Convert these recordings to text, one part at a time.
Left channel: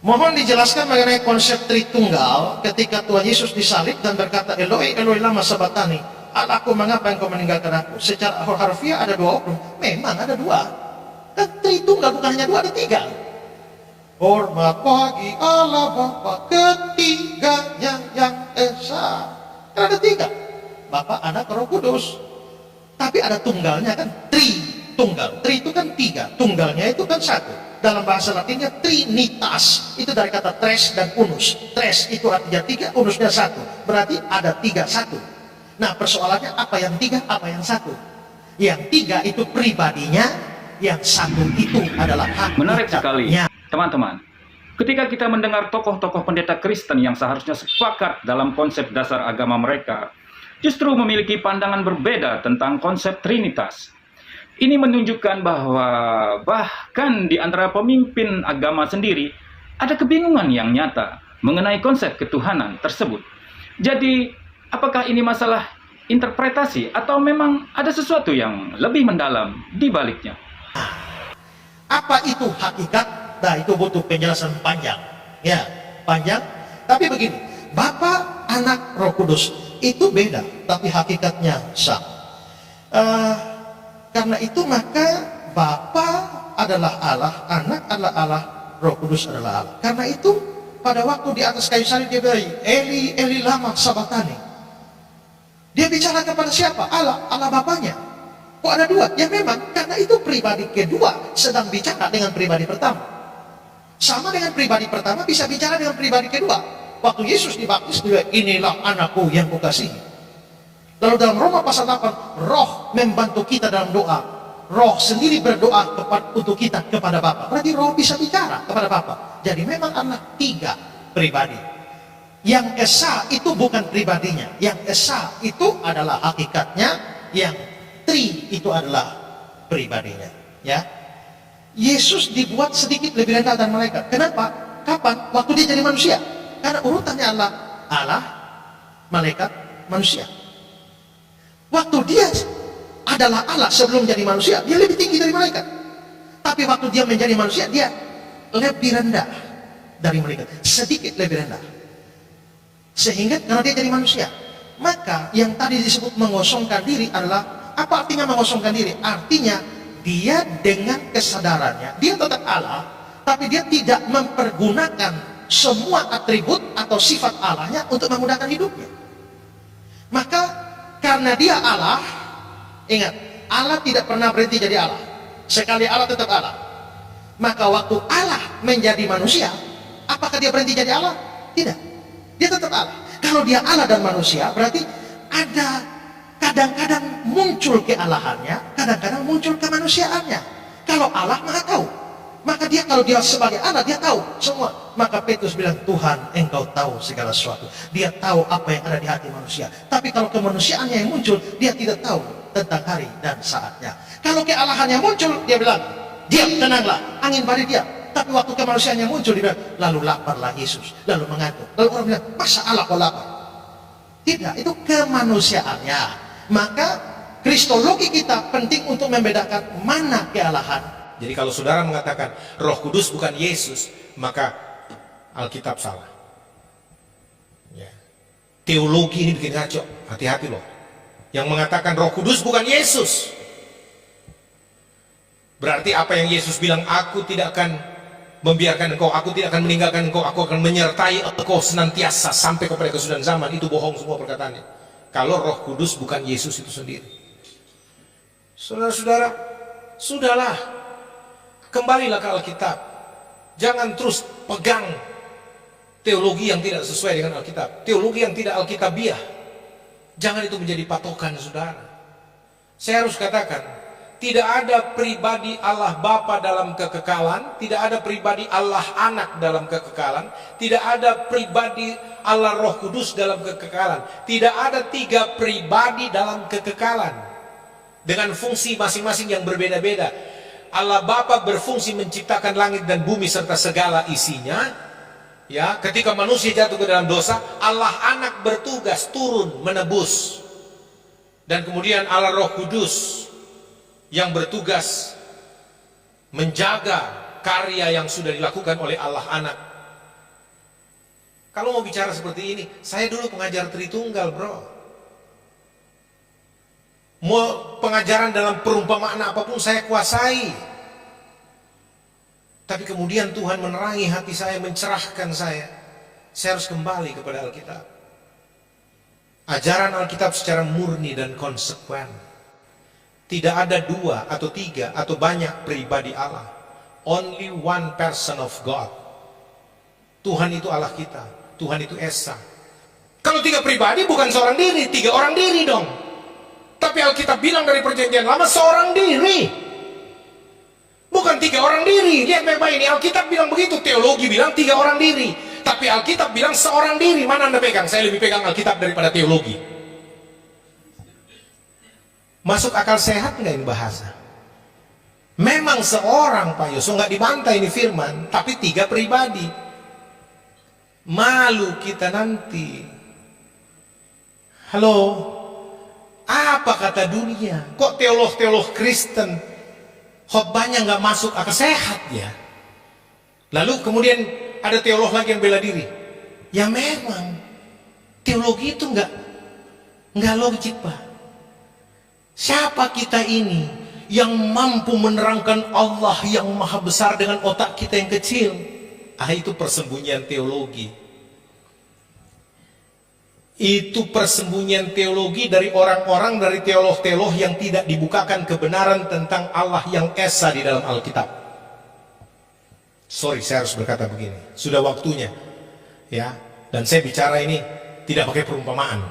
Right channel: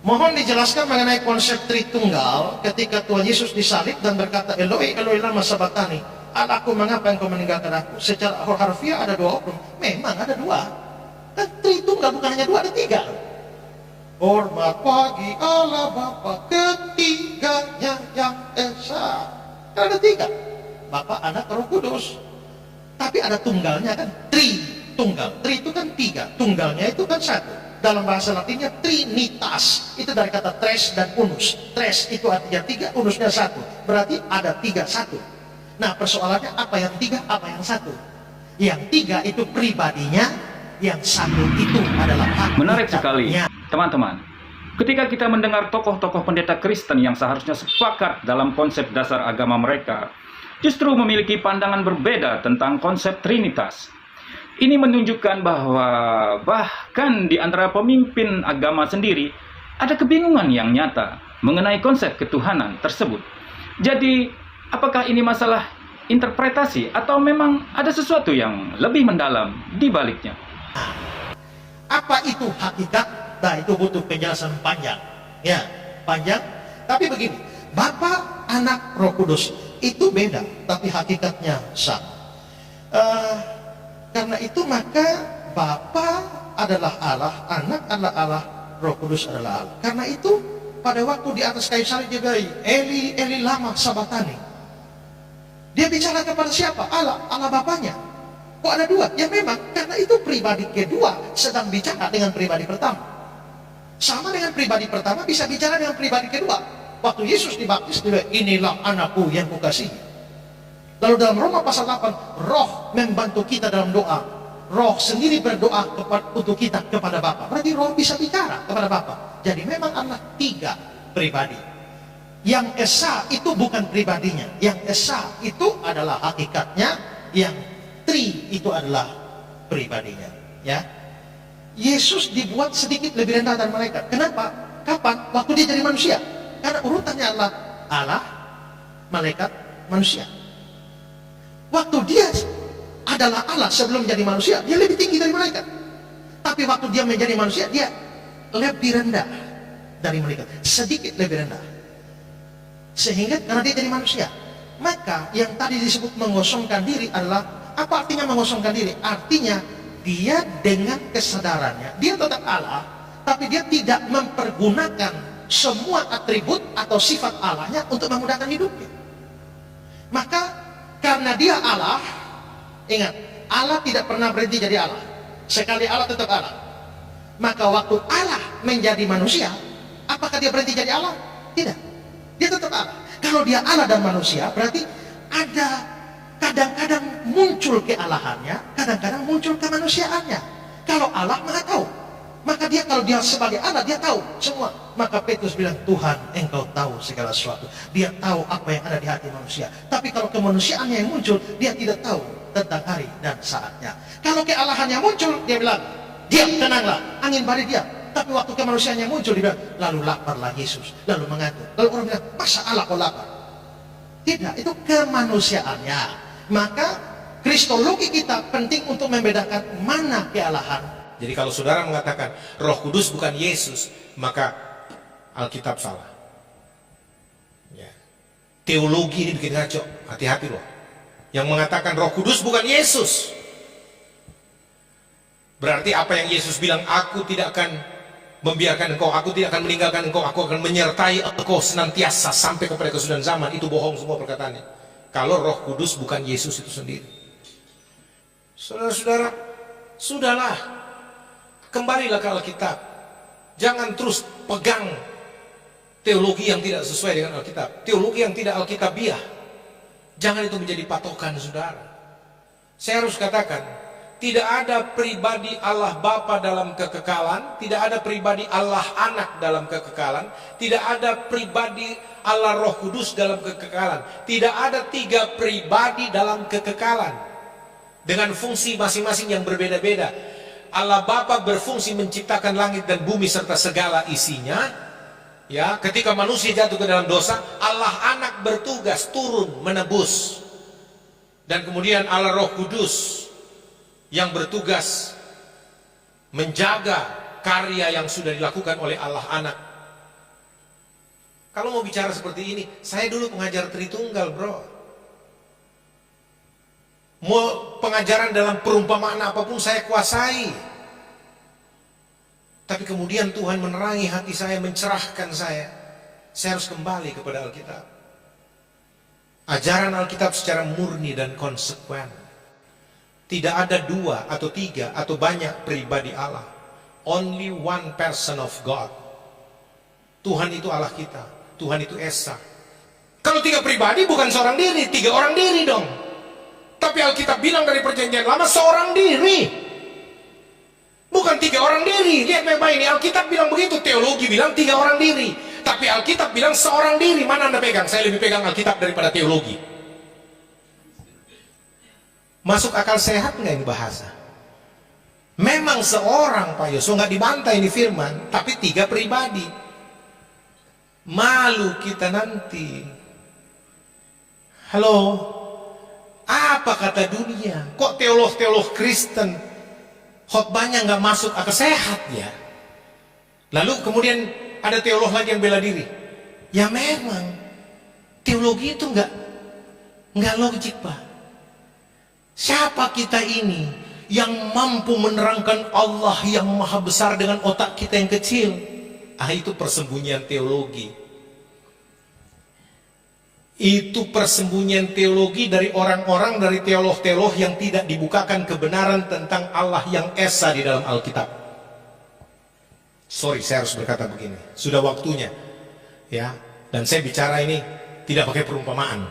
Mohon dijelaskan mengenai konsep Tritunggal ketika Tuhan Yesus disalib dan berkata, Eloi, Eloi lama sabatani, Allahku mengapa engkau meninggalkan aku? Secara harfiah ada dua oknum. Memang ada dua. Kan Tritunggal bukan hanya dua, ada tiga. Hormat bagi Allah Bapa ketiganya yang esa. Kan ada tiga. Bapa, Anak, Roh Kudus. Tapi ada tunggalnya kan, Tritunggal. Tri itu kan tiga, tunggalnya itu kan satu. Dalam bahasa Latinnya trinitas, itu dari kata tres dan unus. Tres itu artinya tiga, unusnya satu, berarti ada tiga satu. Nah persoalannya apa yang tiga, apa yang satu? Yang tiga itu pribadinya, yang satu itu adalah hakikatnya. Menarik sekali teman-teman, ketika kita mendengar tokoh-tokoh pendeta Kristen yang seharusnya sepakat dalam konsep dasar agama mereka, justru memiliki pandangan berbeda tentang konsep trinitas. Ini menunjukkan bahwa bahkan di antara pemimpin agama sendiri ada kebingungan yang nyata mengenai konsep ketuhanan tersebut. Jadi, apakah ini masalah interpretasi atau memang ada sesuatu yang lebih mendalam di baliknya? Apa itu hakikat? Nah, itu butuh penjelasan panjang. Ya, panjang. Tapi begini, Bapa, Anak, Roh Kudus itu beda, tapi hakikatnya sama. Karena itu maka Bapa adalah Allah, Anak adalah Allah, Roh Kudus adalah Allah. Karena itu pada waktu di atas kayu salib dia bilang, Eli, Eli lama sabatani. Dia bicara kepada siapa? Allah, Allah Bapanya. Kok ada dua? Ya memang, karena itu pribadi kedua sedang bicara dengan pribadi pertama. Sama dengan pribadi pertama bisa bicara dengan pribadi kedua. Waktu Yesus dibaptis, dia bilang, inilah anakku yang kukasihi. Lalu dalam Roma pasal 8, Roh membantu kita dalam doa. Roh sendiri berdoa untuk kita kepada Bapa. Berarti Roh bisa bicara kepada Bapa. Jadi memang adalah tiga pribadi. Yang esa itu bukan pribadinya. Yang esa itu adalah hakikatnya. Yang tri itu adalah pribadinya. Ya, Yesus dibuat sedikit lebih rendah dari malaikat. Kenapa? Kapan? Waktu dia jadi manusia. Karena urutannya adalah Allah, malaikat, manusia. Waktu dia adalah Allah sebelum jadi manusia, dia lebih tinggi dari malaikat. Tapi waktu dia menjadi manusia, dia lebih rendah dari malaikat, sedikit lebih rendah. Sehingga karena dia jadi manusia, maka yang tadi disebut mengosongkan diri adalah, apa artinya mengosongkan diri? Artinya dia dengan kesadarannya, dia tetap Allah, tapi dia tidak mempergunakan semua atribut atau sifat Allahnya untuk memudahkan hidupnya. Maka karena dia Allah, ingat, Allah tidak pernah berhenti jadi Allah. Sekali Allah tetap Allah. Maka waktu Allah menjadi manusia, apakah dia berhenti jadi Allah? Tidak. Dia tetap Allah. Kalau dia Allah dan manusia, berarti ada kadang-kadang muncul kealahannya, kadang-kadang muncul kemanusiaannya. Kalau Allah Maha tahu, maka dia kalau dia sebagai Allah, dia tahu semua. Maka Petrus bilang, Tuhan, engkau tahu segala sesuatu. Dia tahu apa yang ada di hati manusia. Tapi kalau kemanusiaannya yang muncul, dia tidak tahu tentang hari dan saatnya. Kalau kealahannya muncul, dia bilang, diam, tenanglah, angin badai diam. Tapi waktu kemanusiaannya muncul, dia bilang, lalu laparlah Yesus, lalu mengantuk. Lalu orang bilang, masa Allah kok lapar? Tidak, itu kemanusiaannya. Maka kristologi kita penting untuk membedakan mana kealahan. Jadi kalau saudara mengatakan Roh Kudus bukan Yesus, maka Alkitab salah. Ya. Teologi ini bikin ngaco, hati-hati loh. Yang mengatakan Roh Kudus bukan Yesus, berarti apa yang Yesus bilang, aku tidak akan membiarkan engkau, aku tidak akan meninggalkan engkau, aku akan menyertai engkau senantiasa sampai kepada kesudahan zaman. Itu bohong semua perkataannya. Kalau Roh Kudus bukan Yesus itu sendiri. Saudara-saudara, sudahlah, kembalilah ke Alkitab. Jangan terus pegang teologi yang tidak sesuai dengan Alkitab, teologi yang tidak Alkitabiah. Jangan itu menjadi patokan saudara. Saya harus katakan, tidak ada pribadi Allah Bapa dalam kekekalan, tidak ada pribadi Allah Anak dalam kekekalan, tidak ada pribadi Allah Roh Kudus dalam kekekalan. Tidak ada tiga pribadi dalam kekekalan dengan fungsi masing-masing yang berbeda-beda. Allah Bapa berfungsi menciptakan langit dan bumi serta segala isinya. Ya, ketika manusia jatuh ke dalam dosa, Allah Anak bertugas turun menebus. Dan kemudian Allah Roh Kudus yang bertugas menjaga karya yang sudah dilakukan oleh Allah Anak Kalau mau bicara seperti ini, saya dulu pengajar Tritunggal, bro. Mau pengajaran dalam perumpamaan apapun saya kuasai. Tapi kemudian Tuhan menerangi hati saya, mencerahkan saya. Saya harus kembali kepada Alkitab. Ajaran Alkitab secara murni dan konsekuen. Tidak ada 2 atau 3 atau banyak pribadi Allah. Only one person of God. Tuhan itu Allah kita. Tuhan itu Esa. Kalau 3 pribadi bukan seorang diri, 3 orang diri dong. Tapi Alkitab bilang dari perjanjian lama seorang diri. Bukan 3 orang diri. Lihat baik-baik ini, Alkitab bilang begitu. Teologi bilang 3 orang diri. Tapi Alkitab bilang seorang diri. Mana Anda pegang? Saya lebih pegang Alkitab daripada teologi. Masuk akal sehat nggak ini bahasa? Memang seorang Pak Yosua, nggak dibantai ini firman. Tapi 3 pribadi. Malu kita nanti. Halo? Apa kata dunia? Kok teolog-teolog Kristen khotbahnya nggak masuk akal sehat ya? Lalu kemudian ada teolog lagi yang bela diri. Ya memang teologi itu nggak logik, Pak. Siapa kita ini yang mampu menerangkan Allah yang maha besar dengan otak kita yang kecil? Itu persembunyian teologi. Itu persembunyian teologi dari orang-orang, dari teolog-teolog yang tidak dibukakan kebenaran tentang Allah yang Esa di dalam Alkitab. Sorry, saya harus berkata begini. Sudah waktunya, ya. Dan saya bicara ini tidak pakai perumpamaan.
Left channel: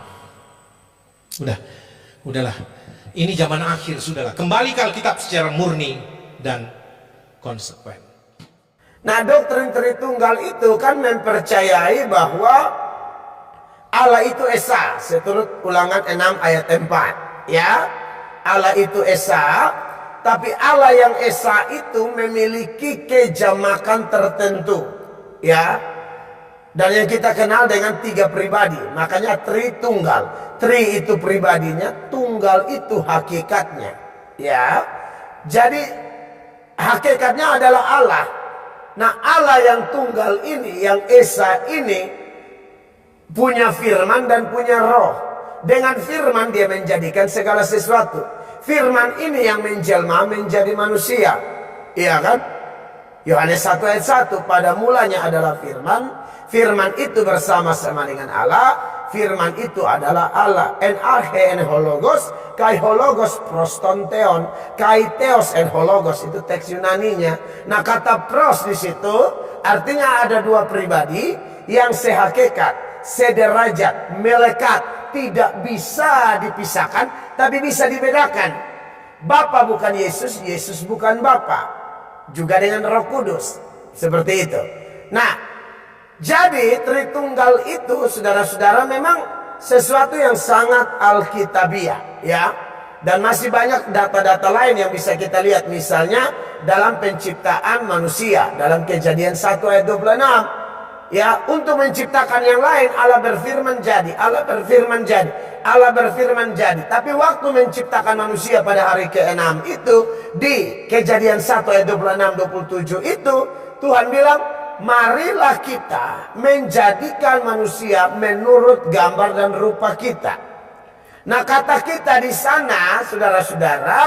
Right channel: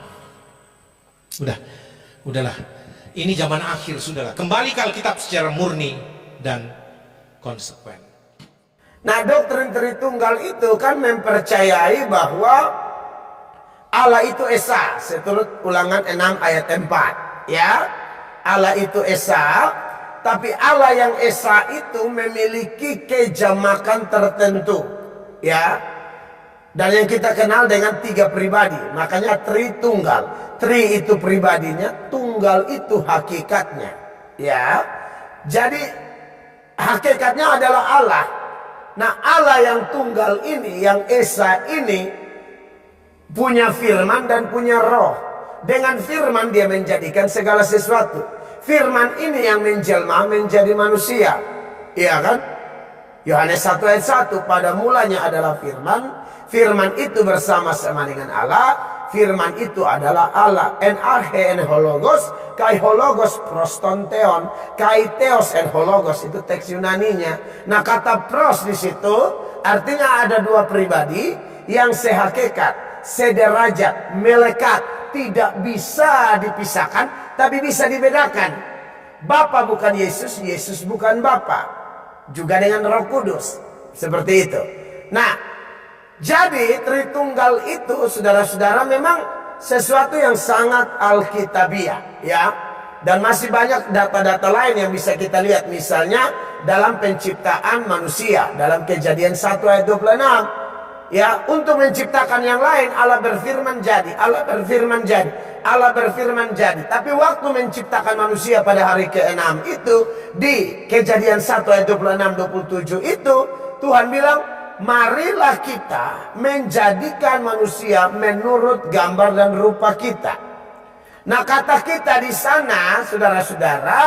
Udahlah. Ini zaman akhir, sudahlah. Kembali ke Alkitab secara murni dan konsekuen. Nah, doktrin Tritunggal itu kan mempercayai bahwa Allah itu Esa, seturut Ulangan 6 ayat 4, ya. Allah itu Esa, tapi Allah yang Esa itu memiliki kejamakan tertentu, ya. Dan yang kita kenal dengan 3 pribadi, makanya Tritunggal. Tri itu pribadinya, tunggal itu hakikatnya, ya. Jadi hakikatnya adalah Allah. Nah, Allah yang tunggal ini, yang Esa ini punya firman dan punya roh. Dengan firman dia menjadikan segala sesuatu. Firman ini yang menjelma menjadi manusia. Iya kan? Yohanes 1 ayat 1. Pada mulanya adalah firman. Firman itu bersama-sama dengan Allah. Firman itu adalah Allah. En arche en hologos. Kai hologos prostonteon. Kai theos en hologos. Itu teks Yunaninya. Nah, kata pros di situ artinya ada 2 pribadi yang sehakikat, sederajat, melekat, tidak bisa dipisahkan, tapi bisa dibedakan. Bapa bukan Yesus, Yesus bukan Bapa. Juga dengan Roh Kudus, seperti itu. Nah, jadi Tritunggal itu, saudara-saudara, memang sesuatu yang sangat alkitabiah, ya. Dan masih banyak data-data lain yang bisa kita lihat, misalnya dalam penciptaan manusia, dalam Kejadian 1 ayat 26. Ya, untuk menciptakan yang lain Allah berfirman jadi, Allah berfirman jadi, Allah berfirman jadi. Tapi waktu menciptakan manusia pada hari ke-6 itu, di Kejadian 1 ayat 26-27 itu, Tuhan bilang, marilah kita menjadikan manusia menurut gambar dan rupa kita. Nah, kata kita di sana, saudara-saudara,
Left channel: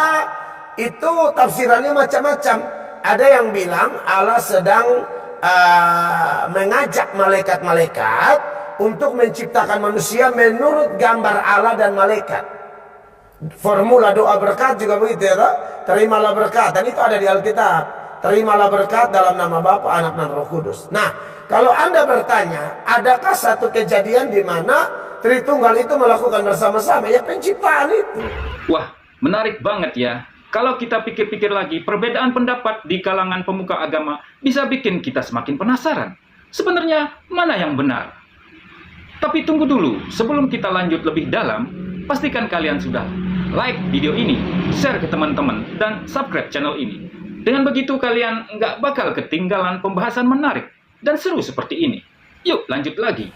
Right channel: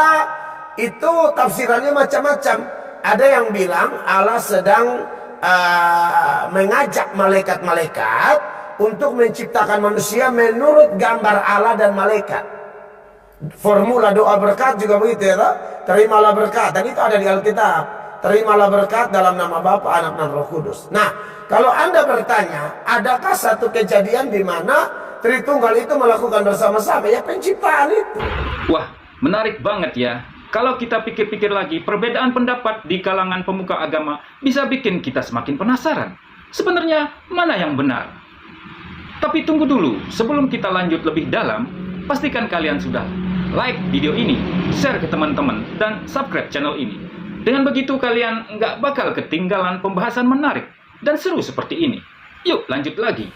itu tafsirannya macam-macam. Ada yang bilang Allah sedang mengajak malaikat-malaikat untuk menciptakan manusia menurut gambar Allah dan malaikat. Formula doa berkat juga begitu, ya. Terimalah berkat, dan itu ada di Alkitab. Terimalah berkat dalam nama Bapa, Anak, dan Roh Kudus. Nah, kalau Anda bertanya, adakah satu kejadian di mana Tritunggal itu melakukan bersama-sama? Ya, penciptaan itu. Wah, menarik banget ya. Kalau kita pikir-pikir lagi, perbedaan pendapat di kalangan pemuka agama bisa bikin kita semakin penasaran. Sebenarnya mana yang benar? Tapi tunggu dulu, sebelum kita lanjut lebih dalam, pastikan kalian sudah like video ini, share ke teman-teman, dan subscribe channel ini. Dengan begitu kalian nggak bakal ketinggalan pembahasan menarik dan seru seperti ini. Yuk lanjut lagi.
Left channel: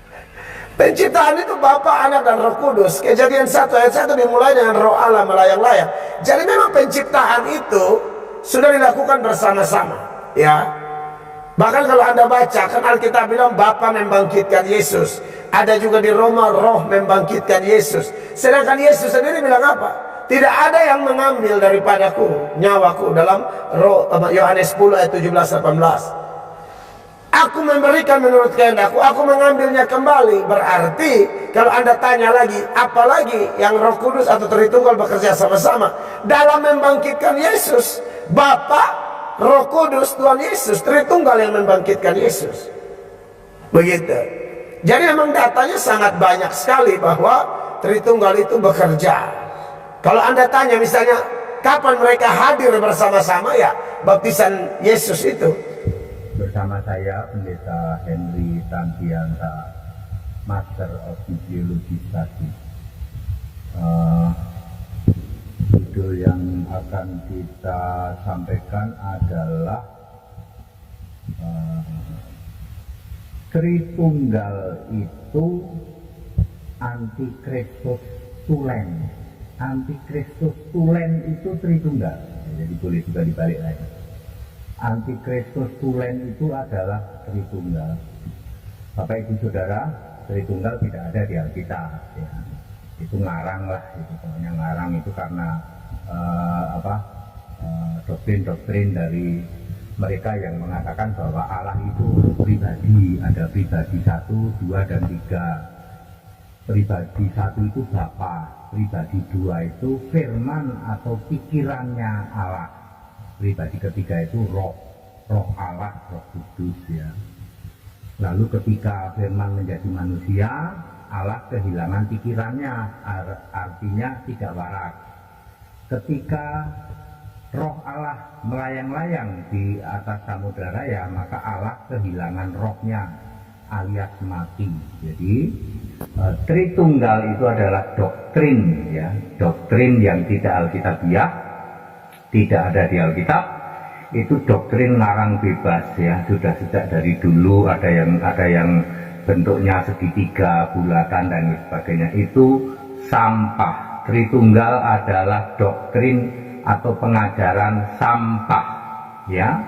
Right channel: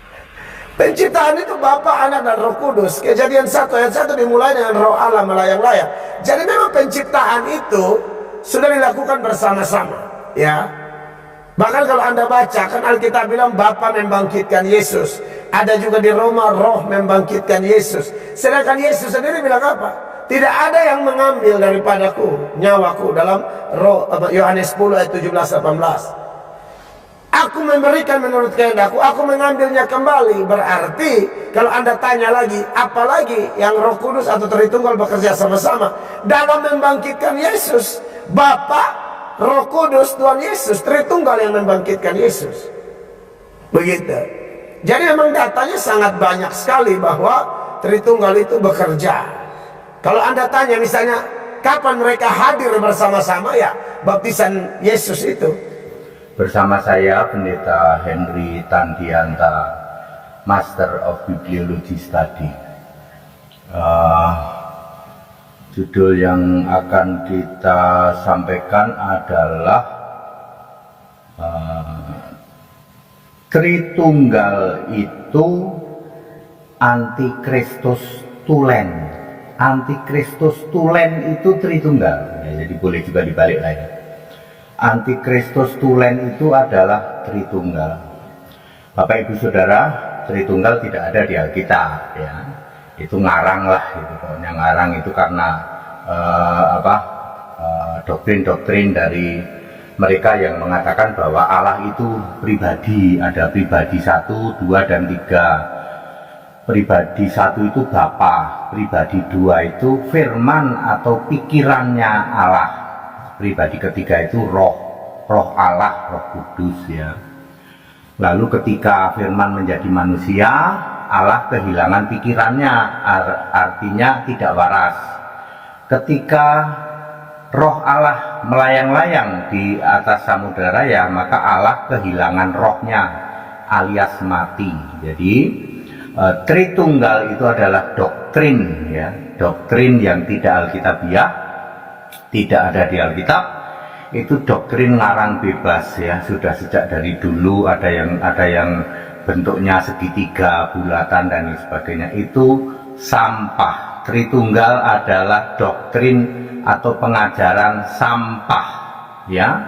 Penciptaan itu Bapa, Anak, dan Roh Kudus. Kejadian 1 ayat 1 dimulai dengan roh Allah melayang-layang. Jadi memang penciptaan itu sudah dilakukan bersama-sama, ya. Bahkan kalau Anda baca, kan Alkitab bilang Bapa membangkitkan Yesus. Ada juga di Roma, Roh membangkitkan Yesus. Sedangkan Yesus sendiri bilang apa? Tidak ada yang mengambil daripadaku nyawaku, dalam Yohanes 10 ayat 17-18. Aku memberikan menurut kehendakku, aku mengambilnya kembali. Berarti kalau Anda tanya lagi, apalagi yang Roh Kudus atau Tritunggal bekerja sama-sama dalam membangkitkan Yesus? Bapa, Roh Kudus, Tuhan Yesus, Tritunggal yang membangkitkan Yesus. Begitu. Jadi memang datanya sangat banyak sekali bahwa Tritunggal itu bekerja. Kalau Anda tanya misalnya kapan mereka hadir bersama-sama, ya baptisan Yesus itu. Bersama saya Pendeta Henry Tandianta, Master of Bibliology Study. Judul yang akan kita sampaikan adalah Tritunggal itu Antikristus tulen. Antikristus tulen itu Tritunggal. Ya, jadi boleh juga dibalik lagi. Antikristus tulen itu adalah Tritunggal. Bapak Ibu Saudara, Tritunggal tidak ada di Alkitab, ya. Itu ngarang lah, gitu. Pokoknya ngarang itu karena doktrin-doktrin dari mereka yang mengatakan bahwa Allah itu pribadi, ada pribadi 1, 2, dan 3. Pribadi 1 itu Bapa, pribadi 2 itu firman atau pikirannya Allah, pribadi ketiga itu roh Allah, Roh Kudus, ya. Lalu ketika firman menjadi manusia, Allah kehilangan pikirannya, artinya tidak waras. Ketika roh Allah melayang-layang di atas samudera raya, maka Allah kehilangan rohnya, alias mati. Jadi Tritunggal itu adalah doktrin, ya, doktrin yang tidak alkitabiah, tidak ada di Alkitab. Itu doktrin ngarang bebas, ya, sudah sejak dari dulu. Ada yang bentuknya segitiga, bulatan, dan sebagainya. Itu sampah. Tritunggal adalah doktrin atau pengajaran sampah, ya.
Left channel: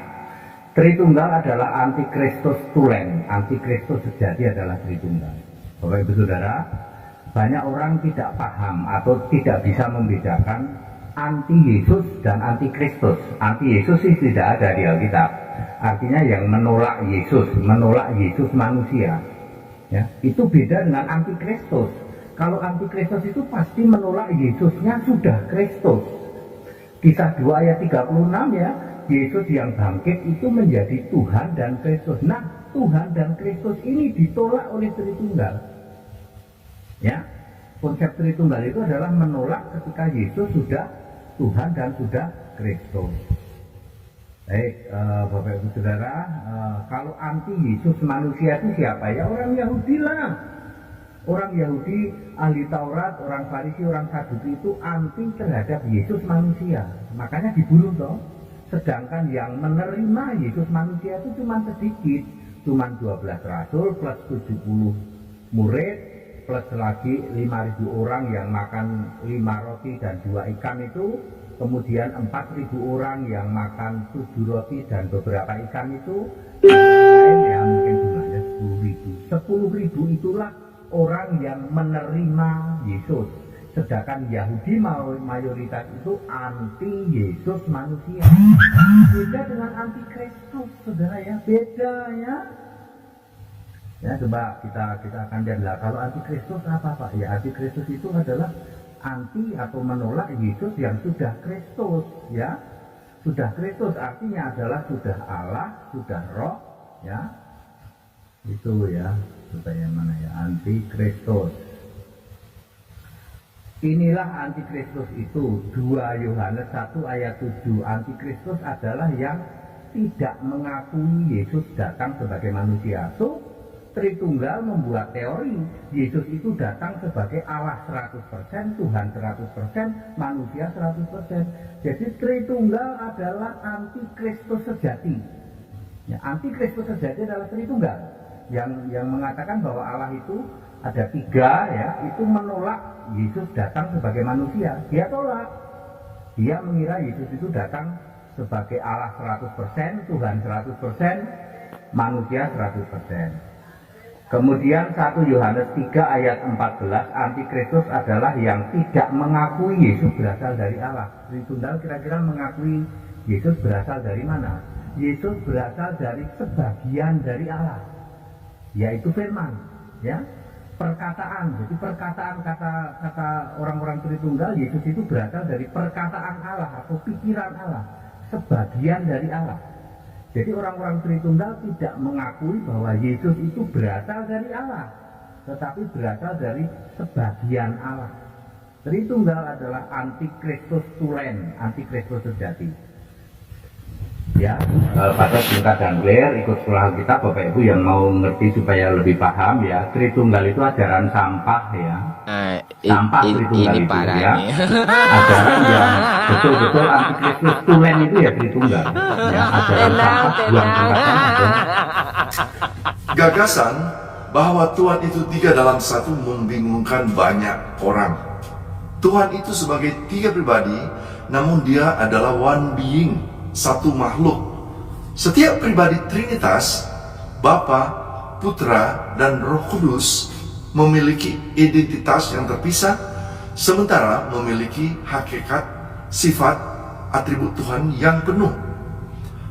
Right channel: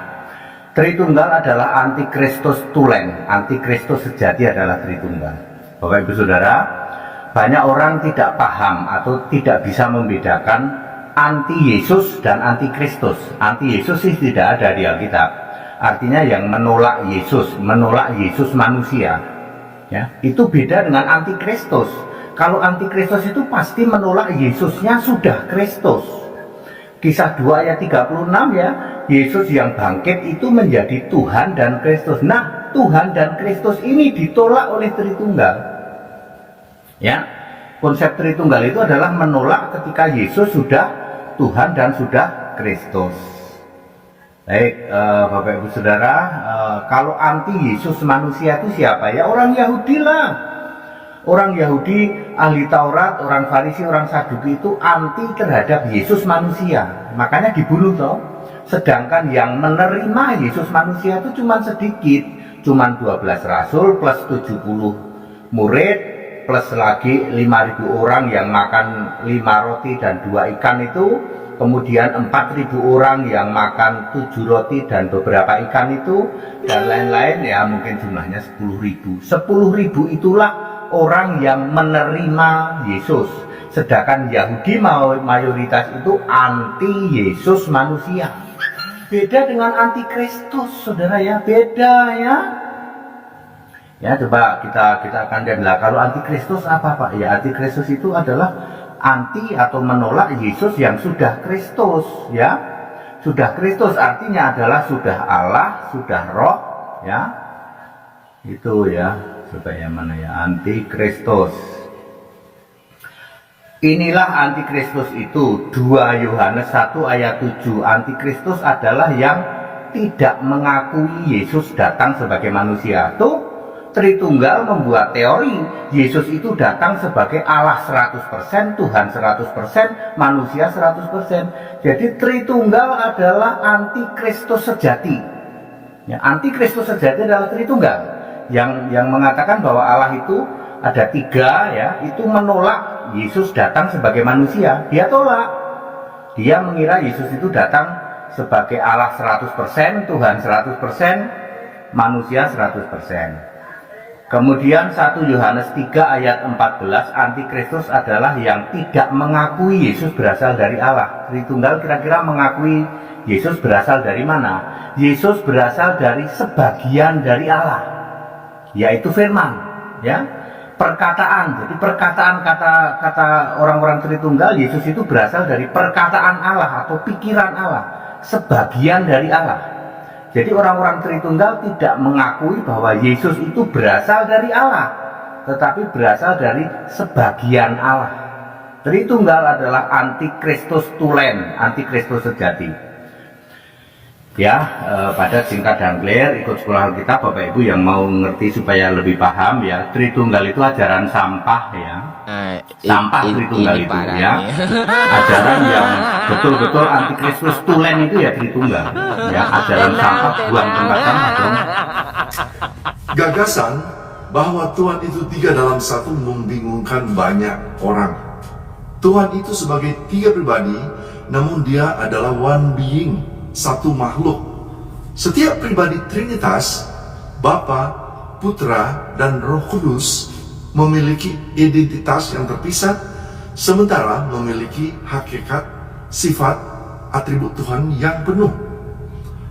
Tritunggal adalah antikristus tulen. Antikristus sejati adalah Tritunggal. Bapak Ibu Saudara, banyak orang tidak paham atau tidak bisa membedakan anti Yesus dan anti Kristus. Anti Yesus sih tidak ada di Alkitab. Artinya yang menolak Yesus manusia. Ya, itu beda dengan anti Kristus. Kalau anti Kristus itu pasti menolak Yesusnya sudah Kristus. Kisah 2 ayat 36, ya, Yesus yang bangkit itu menjadi Tuhan dan Kristus. Nah, Tuhan dan Kristus ini ditolak oleh Tritunggal. Ya, konsep Tritunggal itu adalah menolak ketika Yesus sudah Tuhan dan sudah Kristus. Baik, Bapak Ibu Saudara, kalau anti Yesus manusia itu siapa? Ya orang Yahudi lah. Orang Yahudi, ahli Taurat, orang Farisi, orang Saduki itu anti terhadap Yesus manusia. Makanya dibunuh toh. Sedangkan yang menerima Yesus manusia itu cuma sedikit. Cuma 12 rasul plus 70 murid plus lagi 5.000 orang yang makan 5 roti dan 2 ikan itu. Kemudian 4.000 orang yang makan 7 roti dan beberapa ikan itu, dan lain-lain, ya mungkin jumlahnya 10.000. 10.000 itulah orang yang menerima Yesus. Sedangkan Yahudi mayoritas itu anti Yesus manusia. Beda dengan anti Kristus, saudara, ya, beda, ya. Ya, coba kita akan lihat. Kalau anti Kristus apa, Pak? Ya, anti Kristus itu adalah anti atau menolak Yesus yang sudah Kristus, ya. Sudah Kristus artinya adalah sudah Allah, sudah Roh, ya. Itu, ya. Coba yang mana, ya? Anti Kristus. Inilah antikristus itu, 2 Yohanes 1 ayat 7. Antikristus adalah yang tidak mengakui Yesus datang sebagai manusia. Tuh, Tritunggal membuat teori Yesus itu datang sebagai Allah 100%, Tuhan 100%, manusia 100%. Jadi Tritunggal adalah antikristus sejati. Ya, antikristus sejati adalah Tritunggal yang mengatakan bahwa Allah itu ada 3, ya, itu menolak Yesus datang sebagai manusia. Dia tolak. Dia mengira Yesus itu datang sebagai Allah 100%, Tuhan 100%, manusia 100%. Kemudian 1 Yohanes 3 ayat 14, antikristus adalah yang tidak mengakui Yesus berasal dari Allah. Tritunggal kira-kira mengakui Yesus berasal dari mana? Yesus berasal dari sebagian dari Allah, yaitu firman, ya, perkataan. Jadi perkataan kata orang-orang Tritunggal, Yesus itu berasal dari perkataan Allah atau pikiran Allah, sebagian dari Allah. Jadi orang-orang Tritunggal tidak mengakui bahwa Yesus itu berasal dari Allah, tetapi berasal dari sebagian Allah. Tritunggal adalah antikristus tulen, antikristus sejati. Ya, pada tingkat Dangler ikut sekolah kita, Bapak Ibu yang mau ngerti supaya lebih paham ya, Tritunggal itu ajaran sampah ya. Sampah Tritunggal itu ya. Ajaran yang betul-betul antikristus tulen itu ya Tritunggal. Ya, ajaran sampah buang tempat sampah. Gagasan bahwa Tuhan itu 3 dalam 1 membingungkan banyak orang. Tuhan itu sebagai 3 pribadi, namun dia adalah one being, satu makhluk. Setiap pribadi Trinitas, Bapa, Putra, dan Roh Kudus memiliki identitas yang terpisah, sementara memiliki hakikat, sifat, atribut Tuhan yang penuh.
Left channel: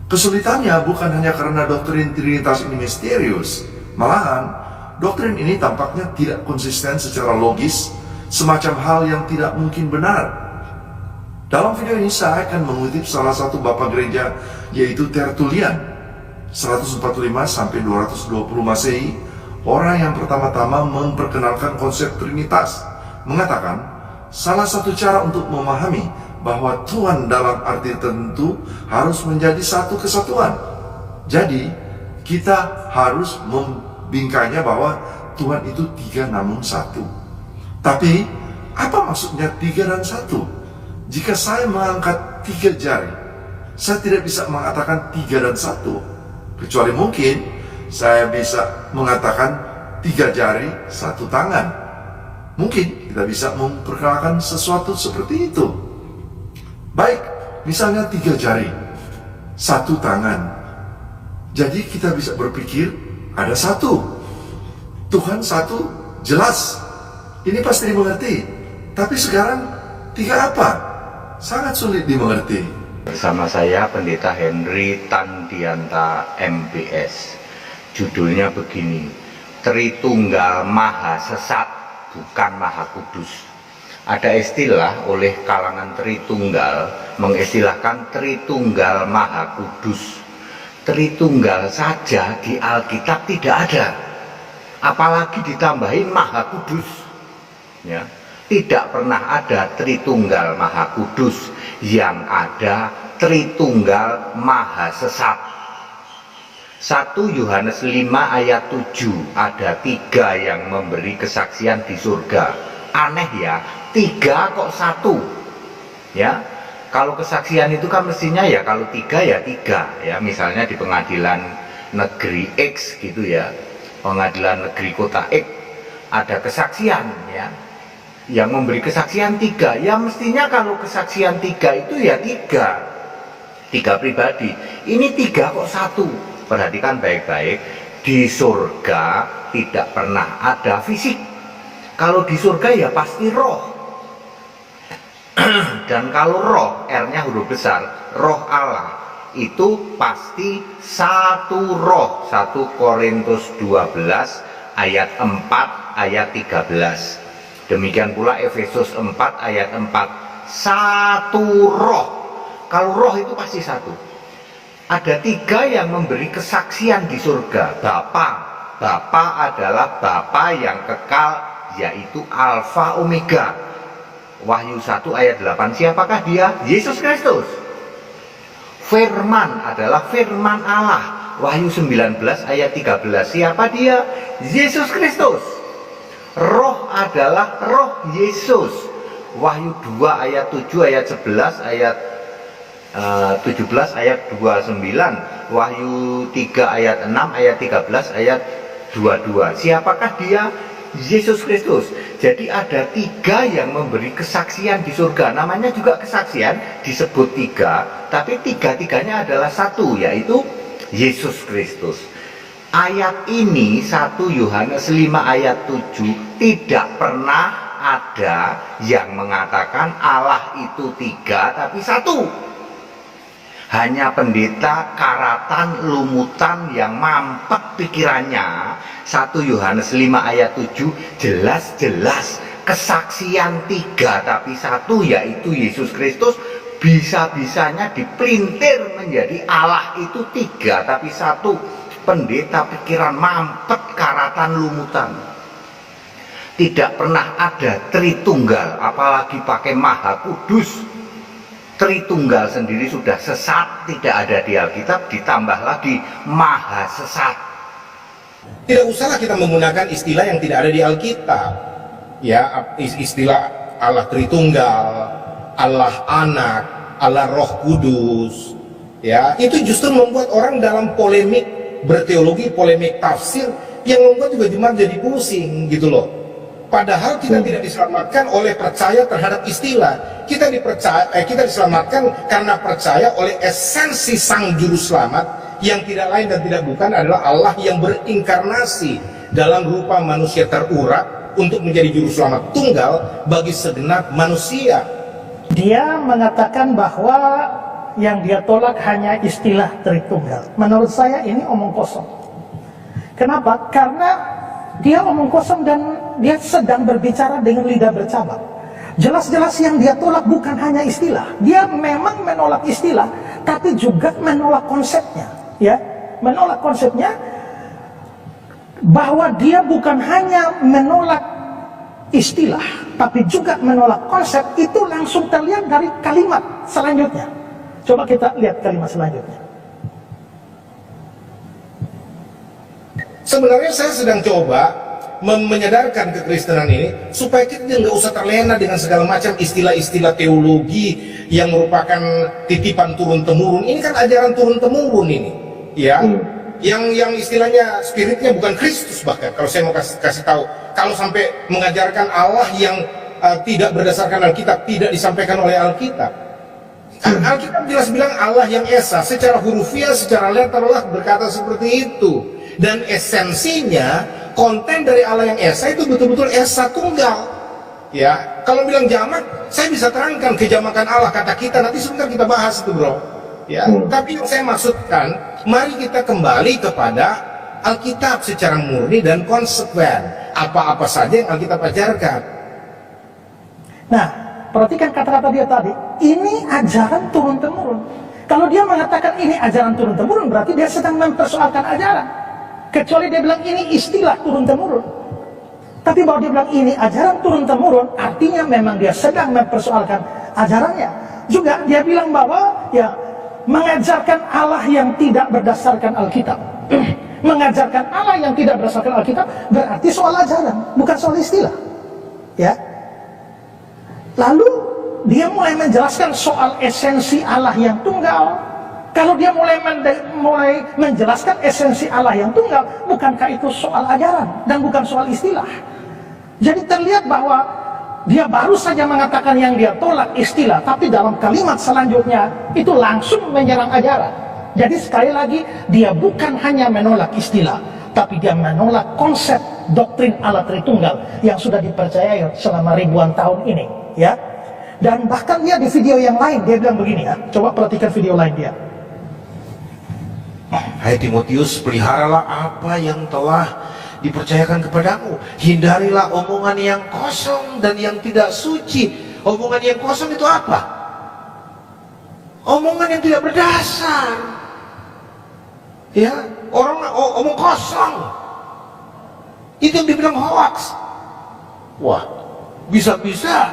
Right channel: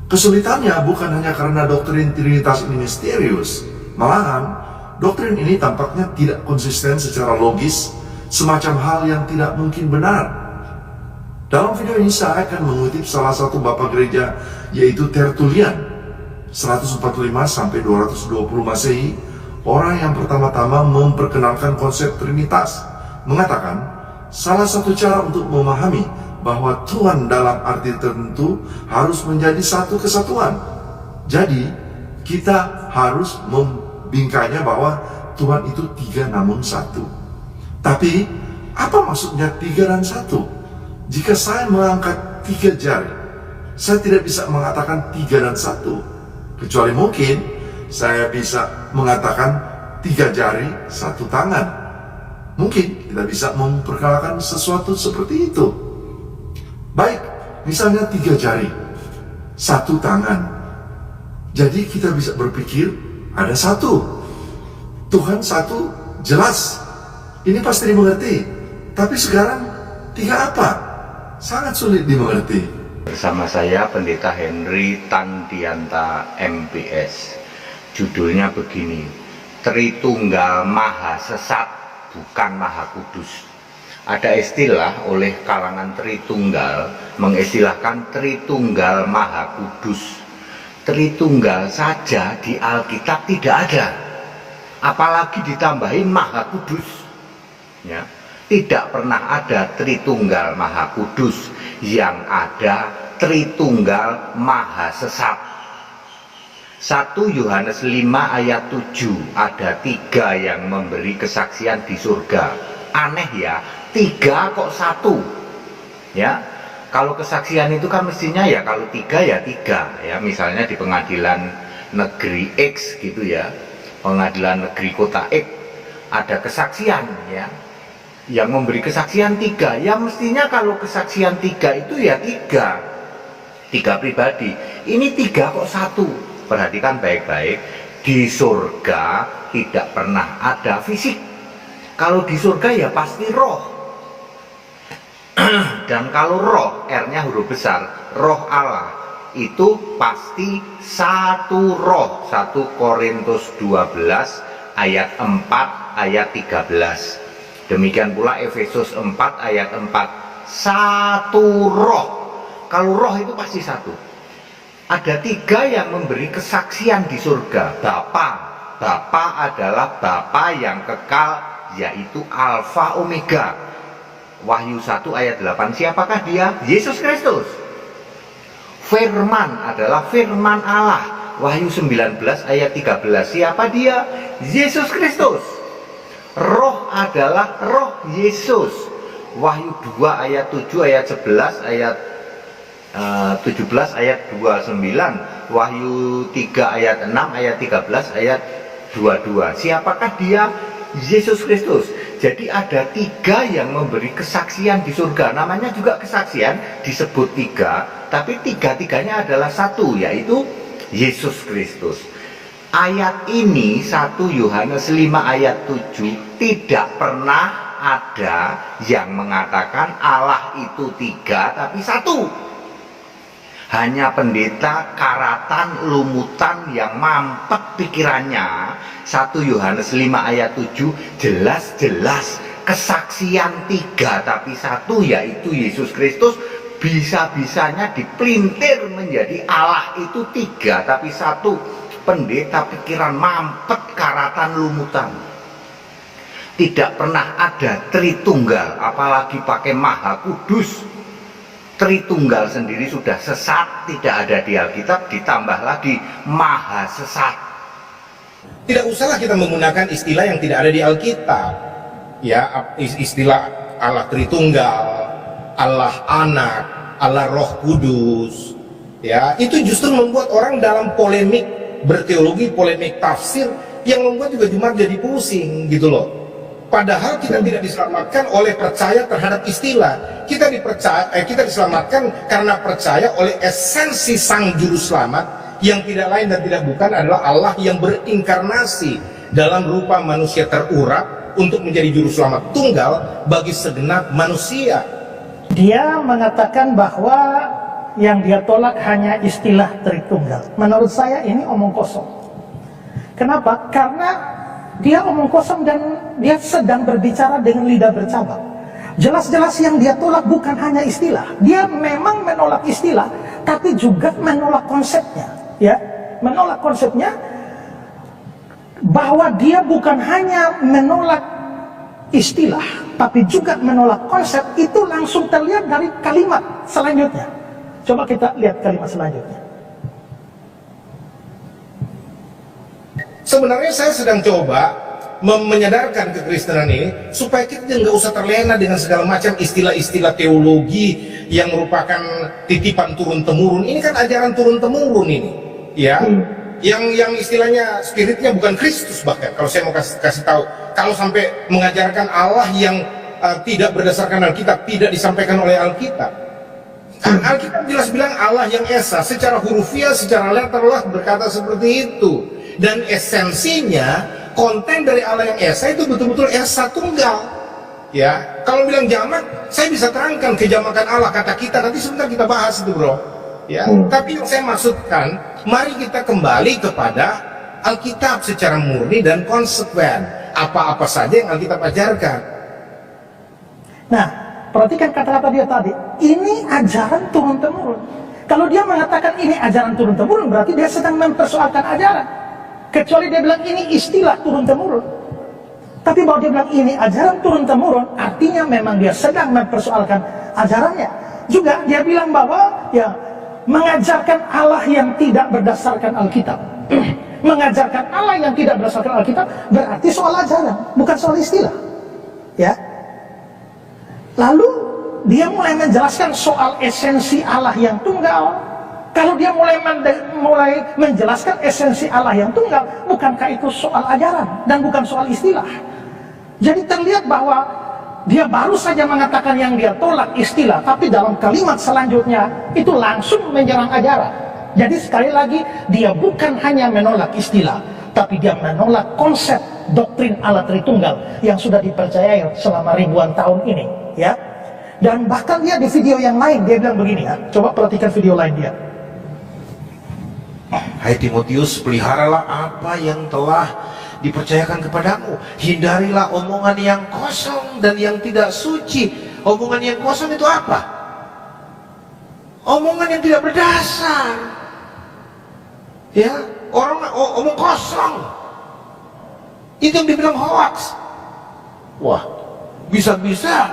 Kesulitannya bukan hanya karena doktrin Trinitas ini misterius, malahan doktrin ini tampaknya tidak konsisten secara logis, semacam hal yang tidak mungkin benar. Dalam video ini saya akan mengutip salah satu bapak gereja, yaitu Tertullian 145-220 Masehi, orang yang pertama-tama memperkenalkan konsep Trinitas, mengatakan salah satu cara untuk memahami bahwa Tuhan dalam arti tertentu harus menjadi satu kesatuan. Jadi kita harus membingkainya bahwa Tuhan itu 3 namun 1. Tapi apa maksudnya 3 dan 1? Jika saya mengangkat 3 jari, saya tidak bisa mengatakan 3 dan 1. Kecuali mungkin saya bisa mengatakan 3 jari, 1 tangan. Mungkin kita bisa memperkenalkan sesuatu seperti itu. Baik, misalnya 3 jari, 1 tangan. Jadi kita bisa berpikir ada 1. Tuhan 1 jelas. Ini pasti dimengerti. Tapi sekarang 3 apa? Sangat sulit dimengerti. Bersama saya Pendeta Henry Tandianta MPS. Judulnya begini, Tritunggal Maha Sesat bukan Maha Kudus. Ada istilah oleh kalangan Tritunggal mengistilahkan Tritunggal Maha Kudus. Tritunggal saja di Alkitab tidak ada, apalagi ditambahin Maha Kudus, ya. Tidak pernah ada Tritunggal Maha Kudus, yang ada Tritunggal Maha Sesat. 1 Yohanes 5 ayat 7, ada 3 yang memberi kesaksian di surga. Aneh ya, 3 kok 1, ya. Kalau kesaksian itu kan mestinya ya kalau 3 ya 3, ya. Misalnya di pengadilan negeri X gitu ya, pengadilan negeri kota X ada kesaksian, ya, yang memberi kesaksian 3, ya mestinya kalau kesaksian 3 itu ya 3 pribadi. Ini 3 kok 1. Perhatikan baik-baik, di surga tidak pernah ada fisik. Kalau di surga ya pasti roh. Dan kalau roh, R-nya huruf besar, roh Allah, itu pasti satu roh. 1 Korintus 12 ayat 4 ayat 13. Demikian pula Efesus 4 ayat 4. Satu roh. Kalau roh itu pasti satu. Ada 3 yang memberi kesaksian di surga. Bapa adalah Bapa yang kekal, yaitu Alfa Omega. Wahyu 1 ayat 8. Siapakah dia? Yesus Kristus. Firman adalah firman Allah. Wahyu 19 ayat 13. Siapa dia? Yesus Kristus. Roh adalah roh Yesus. Wahyu 2 ayat 7 ayat 11 ayat 17 ayat 29. Wahyu 3 ayat 6 ayat 13 ayat 22. Siapakah dia? Yesus Kristus. Jadi ada 3 yang memberi kesaksian di surga. Namanya juga kesaksian, disebut 3, tapi 3-tiganya adalah satu, yaitu Yesus Kristus. ayat ini 1 Yohanes 5 ayat 7 tidak pernah ada yang mengatakan Allah itu 3 tapi 1. Hanya pendeta karatan lumutan yang mampet pikirannya. 1 Yohanes 5 ayat 7 jelas-jelas kesaksian 3 tapi 1, yaitu Yesus Kristus, bisa-bisanya dipelintir menjadi Allah itu 3 tapi 1. Pendeta pikiran mampet karatan lumutan. Tidak pernah ada Tritunggal, apalagi pakai Maha Kudus. Tritunggal sendiri sudah sesat, tidak ada di Alkitab, ditambah lagi maha sesat. Tidak usahlah kita menggunakan istilah yang tidak ada di Alkitab. Ya, istilah Allah Tritunggal, Allah Anak, Allah Roh Kudus. Ya, itu justru membuat orang dalam polemik berteologi, polemik tafsir yang membuat juga jemaat jadi pusing gitu loh. Padahal kita tidak diselamatkan oleh percaya terhadap istilah. Kita diselamatkan karena percaya oleh esensi Sang Juru Selamat yang tidak lain dan tidak bukan adalah Allah yang berinkarnasi dalam rupa manusia terurap untuk menjadi Juru Selamat tunggal bagi segenap manusia. Dia mengatakan bahwa yang dia tolak hanya istilah Tritunggal. Menurut saya ini omong kosong. Kenapa? Karena dia omong kosong dan dia sedang berbicara dengan lidah bercabang. Jelas-jelas yang dia tolak bukan hanya istilah. Dia memang menolak istilah, tapi juga menolak konsepnya. Ya, menolak konsepnya bahwa dia bukan hanya menolak istilah, tapi juga menolak konsep. Itu langsung terlihat dari kalimat selanjutnya. Coba kita lihat kalimat selanjutnya. Sebenarnya saya sedang coba menyadarkan kekristenan ini supaya kita nggak usah terlena dengan segala macam istilah-istilah teologi yang merupakan titipan turun-temurun. Ini kan ajaran turun-temurun ini, ya. Yang istilahnya spiritnya bukan Kristus, bahkan kalau saya mau kasih tahu, kalau sampai mengajarkan Allah yang tidak berdasarkan Alkitab, tidak disampaikan oleh Alkitab. Alkitab jelas bilang Allah yang esa, secara hurufiah, secara letterlah berkata seperti itu. Dan esensinya, konten dari Allah yang esa itu betul-betul esa tunggal. Ya, kalau bilang jamak, saya bisa terangkan kejamakan Allah kata kita, nanti sebentar kita bahas itu, bro. Ya, tapi yang saya maksudkan, mari kita kembali kepada Alkitab secara murni dan konsekuen. Apa-apa saja yang Alkitab ajarkan. Nah, perhatikan kata-kata dia tadi. Ini ajaran turun-temurun. Kalau dia mengatakan ini ajaran turun-temurun, berarti dia sedang mempersoalkan ajaran. Kecuali dia bilang ini istilah turun-temurun. Tapi bahwa dia bilang ini ajaran turun-temurun, artinya memang dia sedang mempersoalkan ajarannya. Juga dia bilang bahwa ya mengajarkan Allah yang tidak berdasarkan Alkitab. Mengajarkan Allah yang tidak berdasarkan Alkitab berarti soal ajaran, bukan soal istilah. Ya. Lalu dia mulai menjelaskan soal esensi Allah yang tunggal. Kalau dia mulai menjelaskan esensi Allah yang tunggal, bukankah itu soal ajaran dan bukan soal istilah? Jadi terlihat bahwa dia baru saja mengatakan yang dia tolak istilah, tapi dalam kalimat selanjutnya itu langsung menyerang ajaran. Jadi sekali lagi dia bukan hanya menolak istilah, tapi dia menolak konsep doktrin Allah Tritunggal yang sudah dipercayai selama ribuan tahun ini, ya. Dan bahkan dia di video yang lain dia bilang begini, ya. Coba perhatikan video lain dia. Hai Timotius, peliharalah apa yang telah dipercayakan kepadamu. Hindarilah omongan yang kosong dan yang tidak suci. Omongan yang kosong itu apa? Omongan yang tidak berdasar. Ya, orang omong kosong. Itu yang dibilang hoax. Wah, bisa-bisa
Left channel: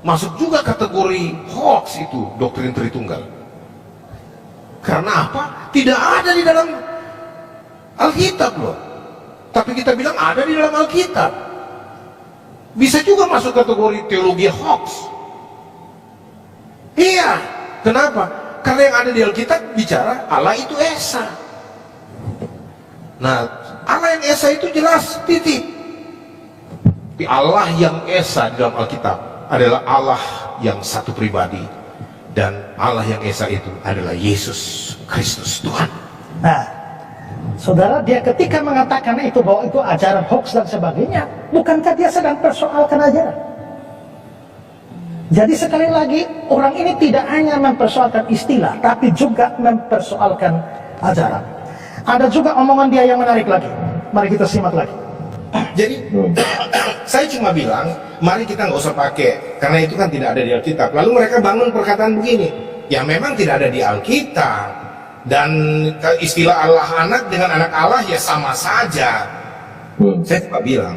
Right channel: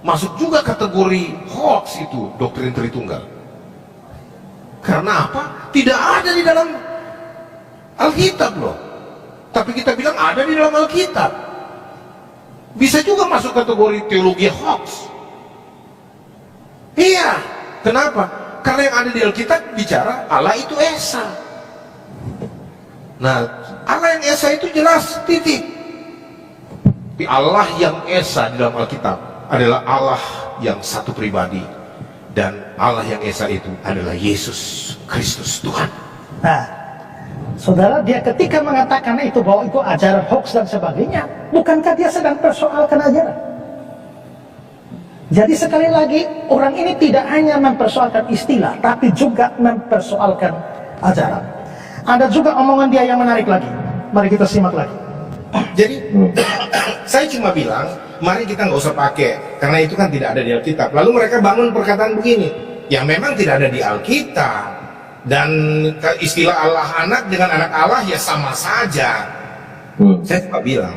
masuk juga kategori hoax itu doktrin Tritunggal. Karena apa? Tidak ada di dalam Alkitab loh. Tapi kita bilang ada di dalam Alkitab. Bisa juga masuk kategori teologi hoax. Iya. Kenapa? Karena yang ada di Alkitab bicara Allah itu esa. Nah, Allah yang esa itu jelas, titik. Tapi Allah yang esa di dalam Alkitab adalah Allah yang satu pribadi. Dan Allah yang esa itu adalah Yesus Kristus Tuhan. Nah, Saudara, dia ketika mengatakan itu bahwa itu ajaran hoax dan sebagainya, bukankah dia sedang persoalkan ajaran? Jadi sekali lagi, orang ini tidak hanya mempersoalkan istilah, tapi juga mempersoalkan ajaran. Ada juga omongan dia yang menarik lagi. Mari kita simak lagi. Jadi saya cuma bilang, mari kita nggak usah pakai, karena itu kan tidak ada di Alkitab. Lalu mereka bangun perkataan begini, ya memang tidak ada di Alkitab. Dan istilah Allah anak dengan anak Allah ya sama saja. Saya cuma bilang,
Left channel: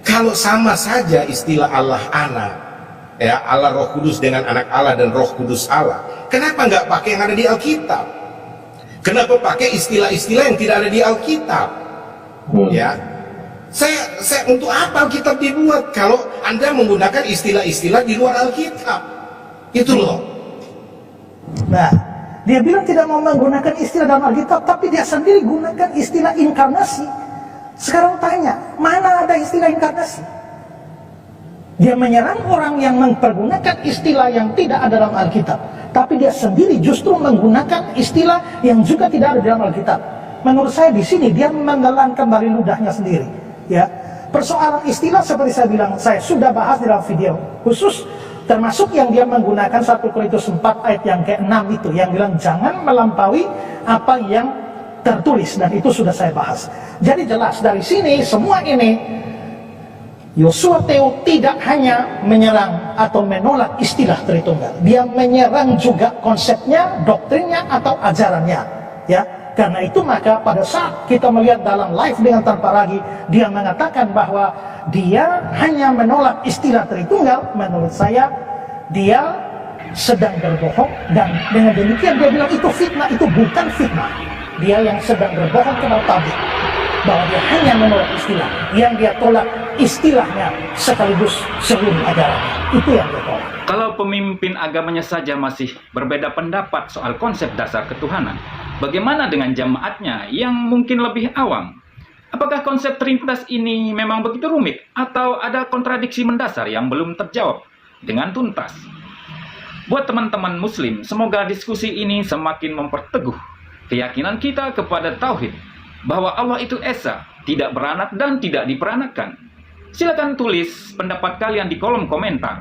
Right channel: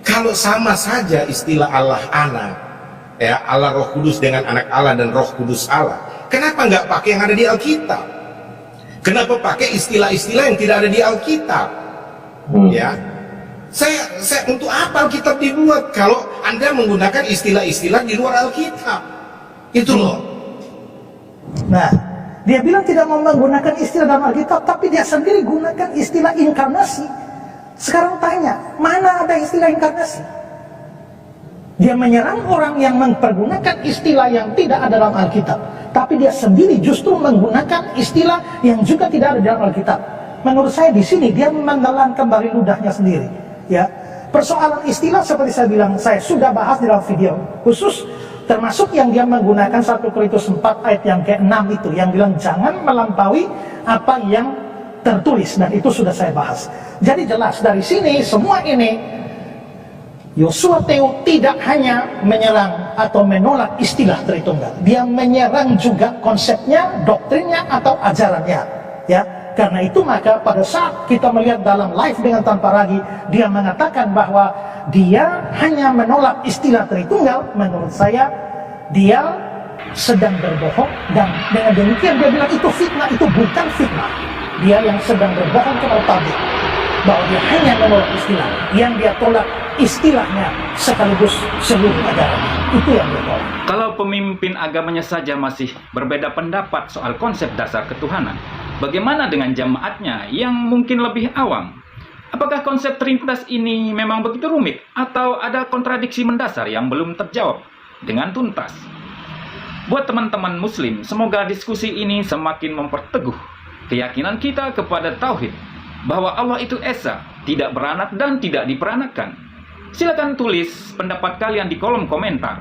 kalau sama saja istilah Allah anak, ya Allah Roh Kudus dengan anak Allah dan Roh Kudus Allah, kenapa nggak pakai yang ada di Alkitab? Kenapa pakai istilah-istilah yang tidak ada di Alkitab? Ya, saya untuk apa Alkitab dibuat kalau Anda menggunakan istilah-istilah di luar Alkitab? Itu loh. Nah, dia bilang tidak mau menggunakan istilah dalam Alkitab, tapi dia sendiri gunakan istilah inkarnasi. Sekarang tanya, mana ada istilah inkarnasi? Dia menyerang orang yang mempergunakan istilah yang tidak ada dalam Alkitab, tapi dia sendiri justru menggunakan istilah yang juga tidak ada dalam Alkitab. Menurut saya di sini dia menelan kembali ludahnya sendiri. Ya, persoalan istilah seperti saya bilang, saya sudah bahas di dalam video khusus, termasuk yang dia menggunakan 1 Korintus 4 ayat yang ke-6 itu, yang bilang jangan melampaui apa yang tertulis, dan itu sudah saya bahas. Jadi jelas dari sini semua ini Yosua Teo tidak hanya menyerang atau menolak istilah Tritunggal, dia menyerang juga konsepnya, doktrinnya atau ajarannya. Ya, karena itu maka pada saat kita melihat dalam live dengan tanpa ragi, dia mengatakan bahwa dia hanya menolak istilah Tritunggal. Menurut saya dia sedang berbohong, dan dengan demikian dia bilang itu fitnah. Itu bukan fitnah, dia yang sedang berbohong kepada publik bahwa dia hanya menolak istilah. Yang dia tolak istilahnya sekaligus seluruh ajarannya. Itu yang dia tolak. Kalau pemimpin agamanya saja masih berbeda pendapat soal konsep dasar ketuhanan, bagaimana dengan jemaatnya yang mungkin lebih awam? Apakah konsep Trinitas ini memang begitu rumit, atau ada kontradiksi mendasar yang belum terjawab dengan tuntas? Buat teman-teman Muslim, semoga diskusi ini semakin memperteguh keyakinan kita kepada Tauhid, bahwa Allah itu Esa, tidak beranak dan tidak diperanakan. Silakan tulis pendapat kalian di kolom komentar.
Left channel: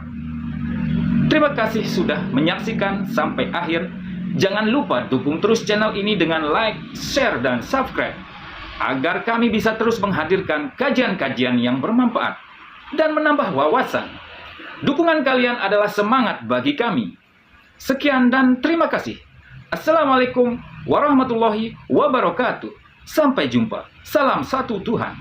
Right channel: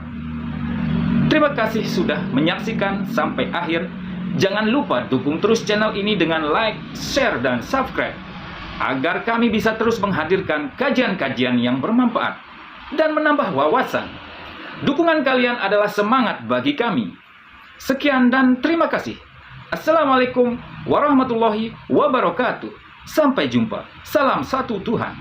Terima kasih sudah menyaksikan sampai akhir. Jangan lupa dukung terus channel ini dengan like, share, dan subscribe, agar kami bisa terus menghadirkan kajian-kajian yang bermanfaat dan menambah wawasan. Dukungan kalian adalah semangat bagi kami. Sekian dan terima kasih. Assalamualaikum warahmatullahi wabarakatuh. Sampai jumpa. Salam satu Tuhan.